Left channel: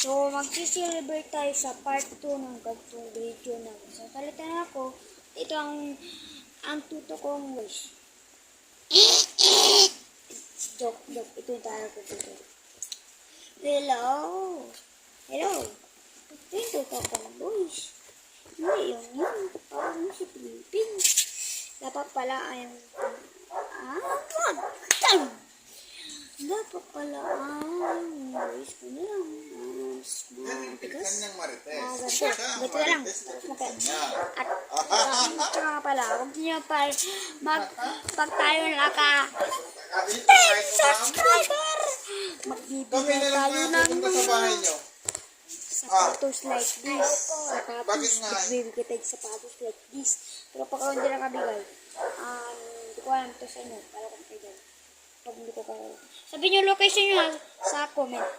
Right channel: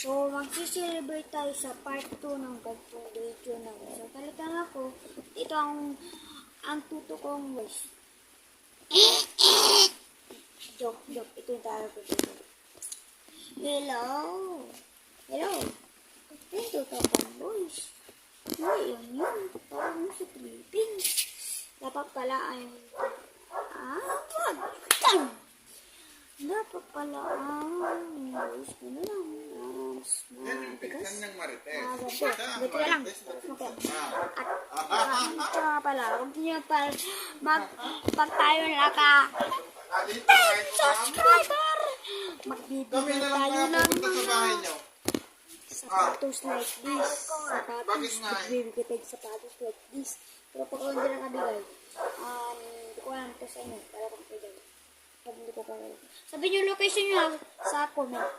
So, mag-celebrate tayo sa part 2 ng gantong video na. So, talitan ako. Ito ang tuto kong wish. Joke. Ito yung tayo ko dito. Hello. Ito kong wish. Yun. Parang si Pilipin. Dapat pala ay dapat pala wish ko na lang. Dito na lang. At saka pala, huwag niyo pag tayo naka 10 subscriber, magbibigay tayo ng sapatos like this. Magbibigay tayo sapatos like this. Pero pag hindi na kabigay, hindi ko alam ito sa inyo. Para kung kayo. Pag hindi ko kaya. Sabihin nyo location nyo sa comment.